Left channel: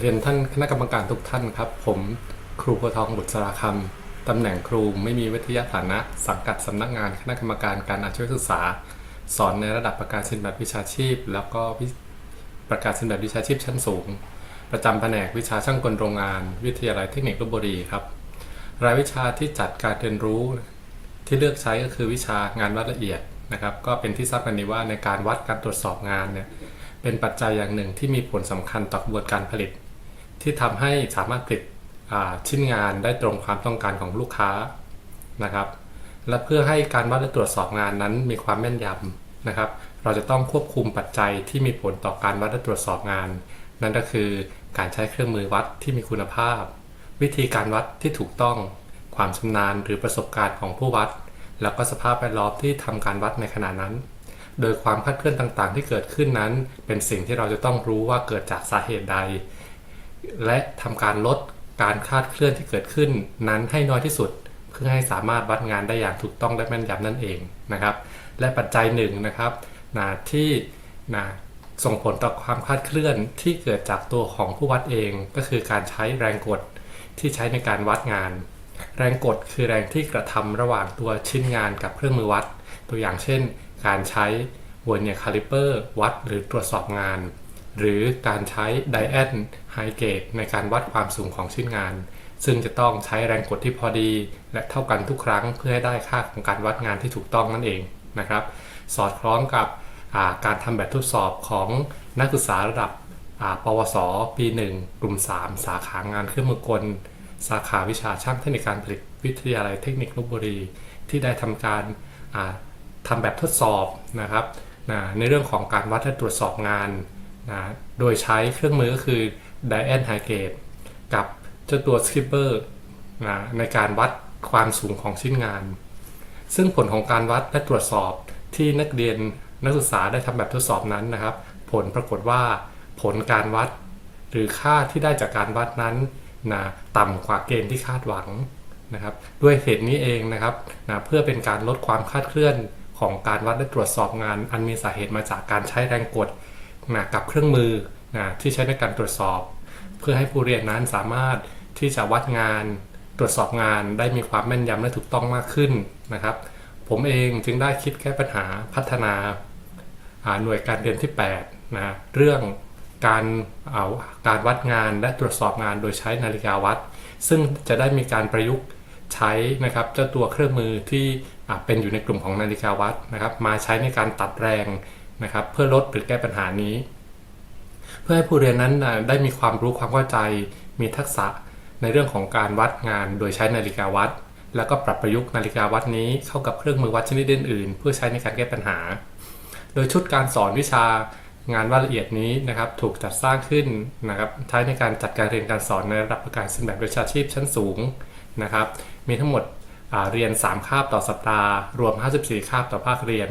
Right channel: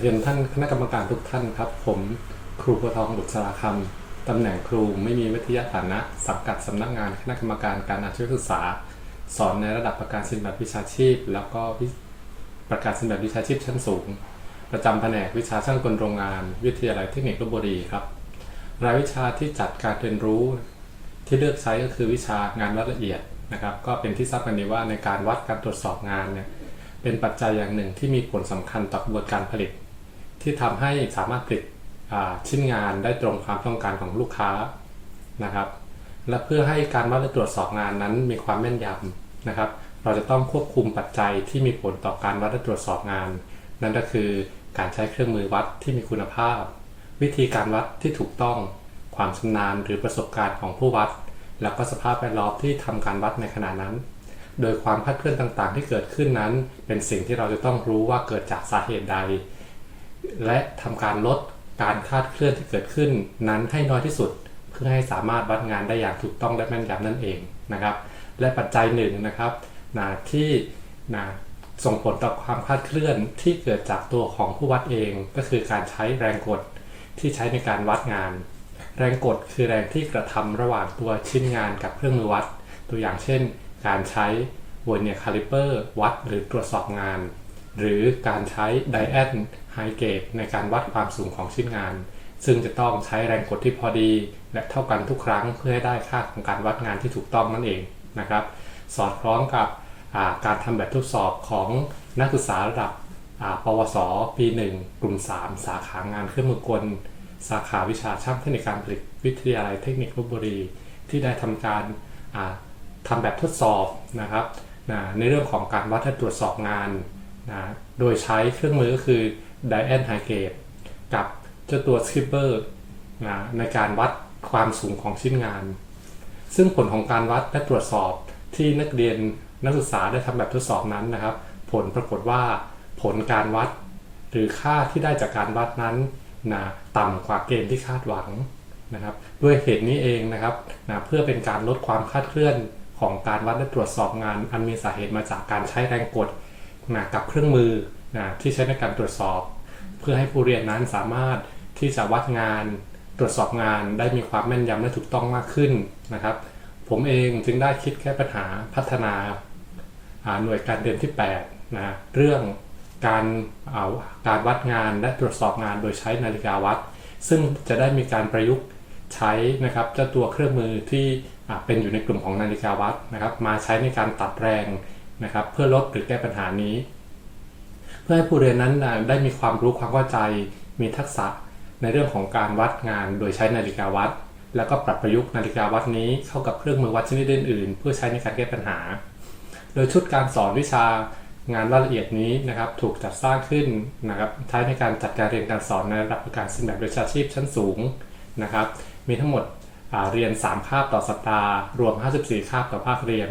เรียนท่านคณะกรรมการทุกท่านครับ ผมครูโพธิ์ทองบุตรสารคำตำแหน่งครูไม่มีวิทยาฐานะ สังกัดสำนักงานคณะกรรมการการอาชีวศึกษา สอนในระดับประกาศสินแบบวิชาชีพ แล้วก็ประกาศสินแบบวิชาชีพชั้นสูง ประจำแผนกวิชาช่างกลโรงงาน วิทยาลัยเทคนิคลบบุรีครับ รายวิชาที่จัดการเรียนรู้ที่เลือกใช้ก็คือวิชางานวัดละเอียดนะครับ ก็เป็นที่ทราบกันดีว่าในการวัดการตรวจสอบงานเนี่ยเป็นปัจจัยอย่างหนึ่งที่มีผลสำคัญต่อกระบวนการผลิต ที่ทำให้สามารถผลิตชิ้นงานได้ตรงความต้องการของลูกค้านะครับ และเพื่อให้การวัดและตรวจสอบงานนั้นมีความแม่นยำนะครับ เราจะต้องควบคุมปัจจัยที่มีผลต่อการวัดและตรวจสอบงาน นั่นก็คือการใช้เครื่องมือวัดที่มีคุณภาพ วิธีการวัดที่ถูกต้อง ความชำนาญหรือประสบการณ์ของผู้วัด แล้วก็สภาพแวดล้อมที่ทำการวัดในขณะนั้น โดยความคลาดเคลื่อนต่างๆ ที่เกิดขึ้นนั้น เป็นสิ่งที่เราจะต้องรู้ว่าเกิดจากสาเหตุใด และทำการลดการคาดเคลื่อนที่เกิดขึ้นนั้นให้น้อยที่สุด เพื่อให้สามารถวัดงานได้อย่างถูกต้องและแม่นยำนั่นเองนะครับ และปัจจัยหนึ่งนะครับนะที่นะส่งผลต่อความคาดเคลื่อนที่เกิดจากตัวของผู้วัดเองก็คือการใช้แรงกดที่ใช้ในการวัดงาน แรงกดคือแรงที่กระทำระหว่างตัวชิ้นงานกับเครื่องมือวัด ตัวอย่างเช่น การใช้ว e เนียคาลิเปอร์วัดหรือตรวจสอบงาน หรือการใช้ไดแอนไฮเกตในการวัดความสูงของชิ้นงาน ซึ่งจะต้องใช้แรงกดที่พอดี และเท่ากันทุกครั้งเพื่อให้ได้ค่าของการวัดงานที่ถูกต้องนั่นเองนะครับ สอดคล้องกับาการทำแบบทดสอบของนักศึกษาระดับปวส ปี 1 กลุ่ม 3 สาขางานเครื่องมือกล สาขาวิชาช่างเทคนิคการผลิตวิทยาลัยเทคนิคลบบุรี ที่ได้ทำการอ่าทำแบบทดสอบนะครับในเรื่องของการวัดและตรวจสอบงาน นะโดยใช้เครื่องมือก็คือ d i a n h y g a t e กับเจ้าตัว Skipper นะในการวัดความสูงของชิ้นงาน ซึ่งผลของการวัดและตรวจสอบที่นักเรียนนักศึกษาได้ทำแบบทดสอบนั้นนะครับ ผลปรากฏว่าผลการวัด หรือค่าที่ได้จากการวัดนั้นนะต่ำกว่าเกณฑ์ที่คาดหวังนะครับ ด้วยเหตุนี้เองนะครับนะเพื่อเป็นการลดความคาดเคลื่อนของการวัดและตรวจสอบงาน อันมีสาเหตุมาจากการใช้แรงกด นะกับเครื่องมือนะที่ใช้ในการตรวจสอบ เพื่อให้ผู้เรียนนั้นสามารถที่จะวัดงานตรวจสอบงานได้มีความแม่นยำและถูกต้องมากขึ้นนะครับ ผมเองจึงได้คิดแก้ปัญหาพัฒนาหน่วยการเรียนที่8นะเรื่องการเอาการวัดงานและตรวจสอบงานโดยใช้นาฬิกาวัด ซึ่งจะได้มีการประยุกต์ใช้นะครับเจ้าตัวเครื่องมือที่เป็นอยู่ในกลุ่มของนาฬิกาวัดนะครับ มาใช้ในการตัดแรง นะครับเพื่อลดหรือแก้ปัญหานี้ เพื่อให้ผู้เรียนนั้นได้มีความรู้ความเข้าใจ มีทักษะในเรื่องของการวัดงานโดยใช้นาฬิกาวัด แล้วก็ปรับประยุกต์นาฬิกาวัดนี้เข้ากับเครื่องมือวัดชนิดอื่นๆ เพื่อใช้ในการแก้ปัญหา โดยชุดการสอนวิชางานวัดละเอียดนี้นะครับถูกจัดสร้างขึ้นนะครับใช้ในการจัดการเรียนการสอนในระดับประการศสินแบบวิชาชีพชั้นสูงนะครับ มีทั้งหมดเรียน 3 คาบต่อสัปดาห์ รวม 54 คาบต่อภาคเรียน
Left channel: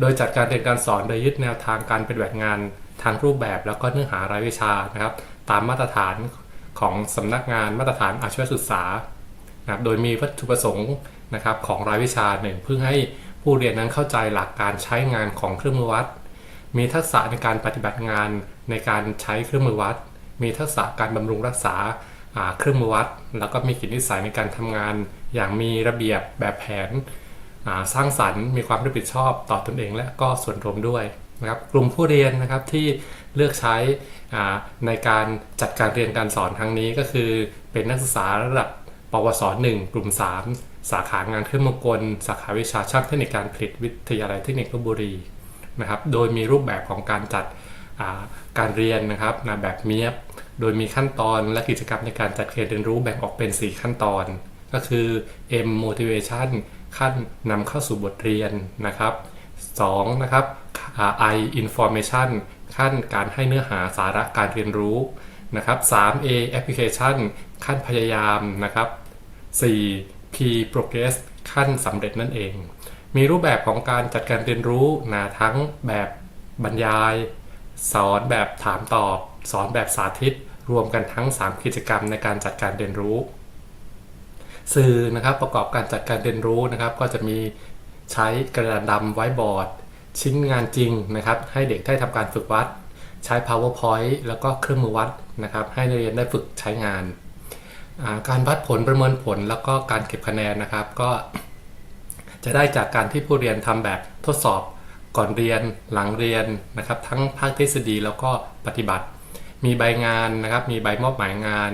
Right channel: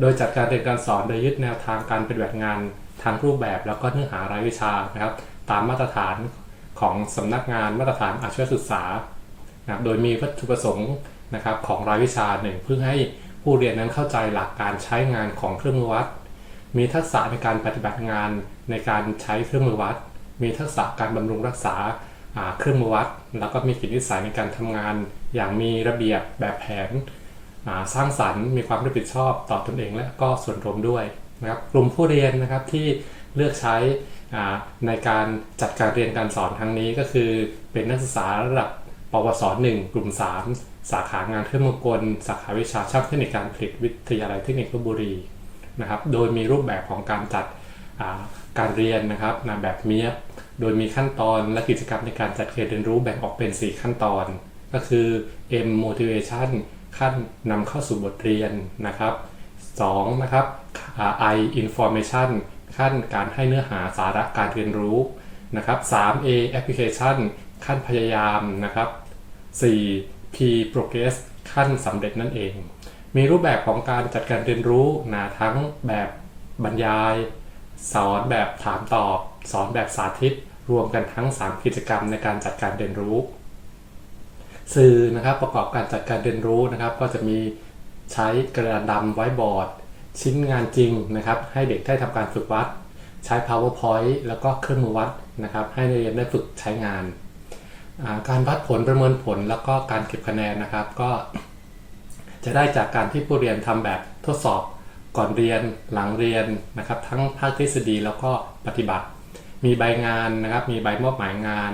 โดยจัดการเรียนการสอนโดยยึดแนวทางการปฏิบัติงานทางรูปแบบแล้วก็เนื้อหารายวิชานะครับ ตามมาตรฐานของสำนักงานมาตรฐานอาชีวศึกษานะโดยมีวัตถุประสงค์นะครับของรายวิชาหนึ่งเพื่อให้ผู้เรียนนั้นเข้าใจหลักการใช้งานของเครื่องมือวัด มีทักษะในการปฏิบัติงานในการใช้เครื่องมือวัด มีทักษะการบำรุงรักษาเครื่องมือวัด แล้วก็มีกิจนิสัยในการทำงาน อย่างมีระเบียบแบบแผน สร้างสรรค์มีความรับผิดชอบต่อตนเองและก็ส่วนรวมด้วยนะครับกลุ่มผู้เรียนนะครับที่เลือกใช้ในการจัดการเรียนการสอนครั้งนี้ก็คือเป็นนักศึกษาระดับปวส 1 กลุ่ม 3 สาขางานเครื่องมือกล สาขาวิชาช่างเทคนิคการผลิตวิทยาลัยเทคนิคลบบุรีนะครับโดยมีรูปแบบของการจัดการเรียนนะครับนะแบบเมียบโดยมีขั้นตอนและกิจกรรมในการจัดเรียนรู้แบ่งออกเป็น 4 ขั้นตอน ก็คือ M motivation ขั้นนำเข้าสู่บทเรียนนะครับ 2. นะครับ I information ขั้นการให้เนื้อหาสาระการเรียนรู้นะครับ 3A application ขั้นพยายามนะครับ 4. P progress ขั้นสำเร็จนั่นเอง มีรูปแบบของการจัดการเรียนรู้นะทั้งแบบบรรยาย สอนแบบถามตอบ สอนแบบสาธิต รวมกันทั้ง 3 กิจกรรมในการจัดการเรียนรู้ สื่อนะครับประกอบการจัดการเรียนรู้นะครับ ก็จะมีใช้กระดานดำไว้บอร์ด ชิ้นงานจริงนะครับ ให้เด็กได้ทำการฝึกวัด ใช้ powerpoint แล้วก็เครื่องมือวัดนะครับ ให้นักเรียนได้ฝึกใช้งาน การวัดผลประเมินผลแล้วก็การเก็บคะแนนนะครับ ก็จะได้จากการที่ผู้เรียนทำแบบทดสอบก่อนเรียนหลังเรียนนะครับ ทั้งภาคทฤษฎีแล้วก็ปฏิบัติ มีใบงานนะครับ มีใบมอบหมายงาน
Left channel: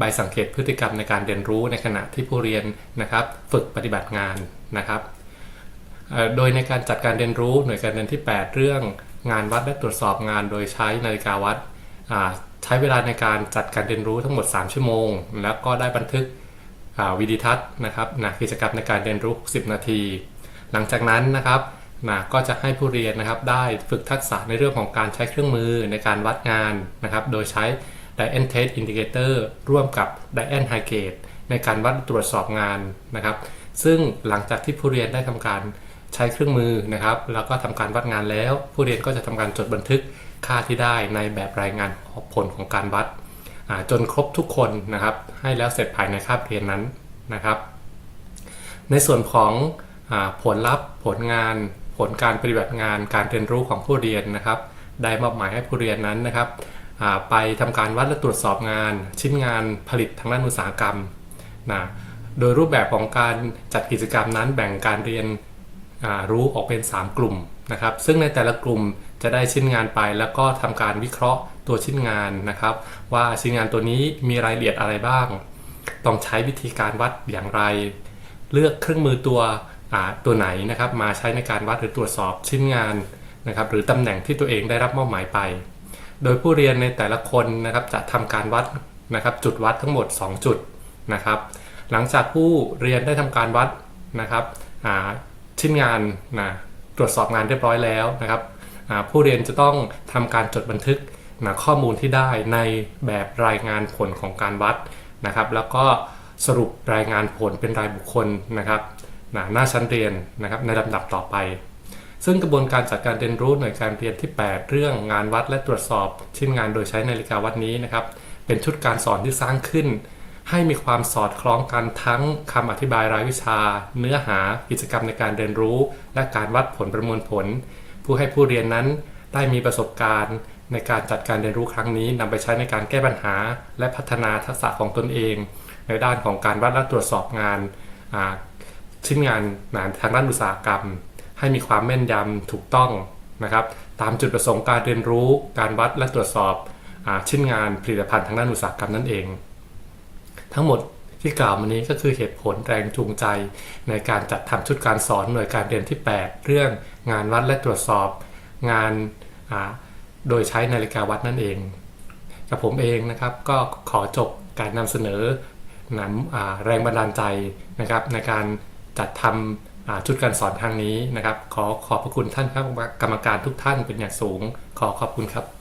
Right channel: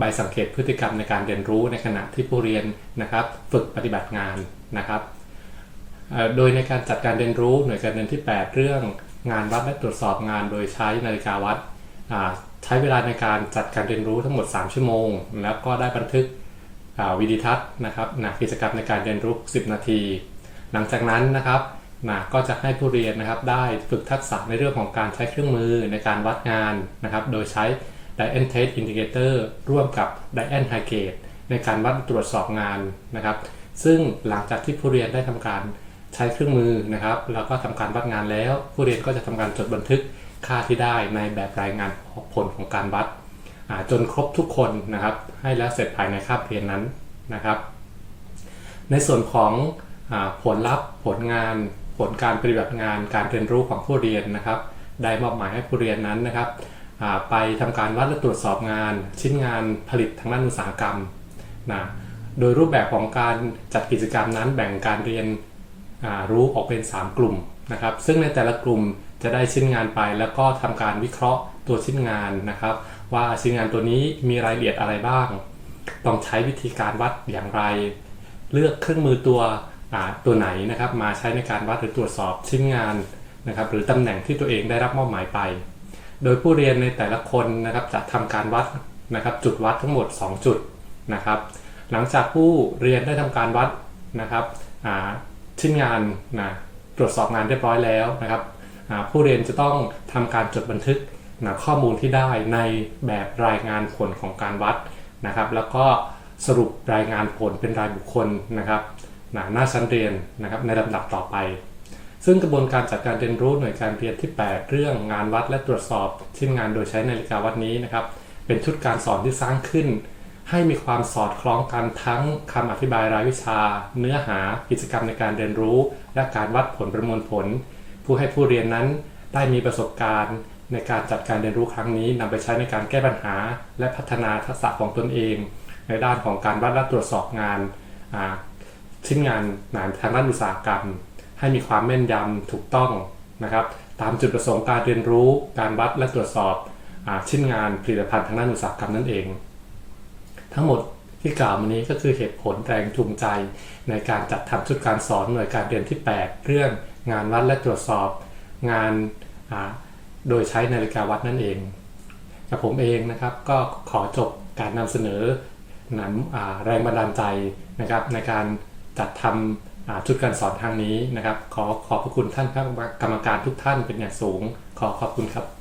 ใบสังเกตพฤติกรรมในการเรียนรู้ในขณะที่ผู้เรียนนะครับ ฝึกปฏิบัติงานนะครับ โดยในการจัดการเรียนรู้หน่วยการเรียนที่ 8 เรื่องงานวัดและตรวจสอบงานโดยใช้นาฬิกาวัดใช้เวลาในการจัดการเรียนรู้ทั้งหมด 3 ชั่วโมง แล้วก็ได้บันทึกวิดีทัศน์นะครับนะกิจกรรมในการเรียนรู้ 10 นาที หลังจากนั้นนะครับนะก็จะให้ผู้เรียนนะครับได้ฝึกทักษะในเรื่องของการใช้เครื่องมือในการวัดงานนะครับ โดยใช้ Dian Test Indicator ร่วมกับ Dian h i g a t e ในการวัดตรวจสอบงานนะครับ ซึ่งหลังจากที่ผู้เรียนได้ทำการใช้เครื่องมือนะครับ แล้วก็ทำการวัดงานแล้ว ผู้เรียนก็จะทำการจดบันทึกค่าที่ได้ในแบบรายงานผลของการวัด จนครบทุกคนนะครับ ให้แล้วเสร็จภายในคาบเรียนนั้นนะครับ ในส่วนของอผลลัพธ์ ผลงาน ผลการปฏิบัติงาน การเรียนรู้ของผู้เรียนนะครับ ได้มอบหมายให้ผู้เรียนนั้นนะครับ ไปทำการวัดและตรวจสอบงาน ชิ้นงานผลิตทางด้านอุตสาหกรรมนะโดยรูปแบบของการจัดกิจกรรมนั้นแบ่งการเรียนรู้ออกเป็น 3 กลุ่มนะครับ ซึ่งในแต่ละกลุ่มจะได้ชิ้นงานไป แล้วก็ทำการวิเคราะห์ตัวชิ้นงานนะครับ ว่าชิ้นงานตัวนี้มีรายละเอียดอะไรบ้าง ต้องใช้วิธีการวัดอย่างไร เลือกเครื่องมือตัวตัวไหนนะครับ มาใช้ในการวัดหรือตรวจสอบชิ้นงานนะครับ หรือตำแหน่งที่ตัวเองได้รับมอบหมายไป โดยผู้เรียนในแต่ละคนนะครับจะทำการวัดนะครับจุดวัดทั้งหมด 2 จุดนะครับ หลังจากผู้เรียนได้ทำการวัดนะครับชิ้นงานนะตรวจสอบงานเรียบร้อยแล้วนะครับผู้เรียนจะต้องทำการจดบันทึกนะข้อมูลที่ได้ในแบบรายงานผลของการวัดนะครับ แล้วก็สรุปรายงานผลเป็นรายบุคคลนะครับหน้าชั้นเรียนนะครับในลำดับต่อไป ซึ่งกระบวนการจัดการเรียนรู้หน่วยการเรียนที่ 8 เรื่องงานวัดและตรวจสอบชิ้นงานโดยใช้นาฬิกาวัดนี้นะครับ เป็นชุดการสอนที่สร้างขึ้น ให้มีความสอดคล้องกันทั้งคำอธิบายรายวิชา เนื้อหา กิจกรรมในการเรียนรู้ และการวัดผลประมวลผล ผู้ให้ผู้เรียนนั้นได้มีประสบการณ์ในการจัดการเรียนรู้ครั้งนี้นำไปใช้ในการแก้ปัญหา และพัฒนาทักษะของตนเอง ในด้านของการวัดและตรวจสอบงานชิ้นงานงานทางด้านอุตสาหกรรม ให้มีความแม่นยำถูกต้องนะครับ ตามจุดประสงค์การเรียนรู้ การวัดและตรวจสอบอชิ้นงานผลิตภัณฑ์ทางด้านอุตสาหกรรมนั่นเอง ทั้งหมดที่กล่าวมานี้ก็คือเหตุผลแรงจูงใจ ในการจัดทำชุดการสอนหน่วยการเรียนที่ 8 เรื่องงานวัดและตรวจสอบ งานโดยใช้นาฬิกาวัดนั่นเองกับผมเองนะครับก็ขอจบการนำเสนอหนังแรงบันดาลใจนะครับในการจัดทำอ่า ชุดการสอนทางนี้นะครับ ขอขอบพระคุณท่านครับกรรมการทุกท่านเป็นอย่างสูง ขอขอบคุณครับ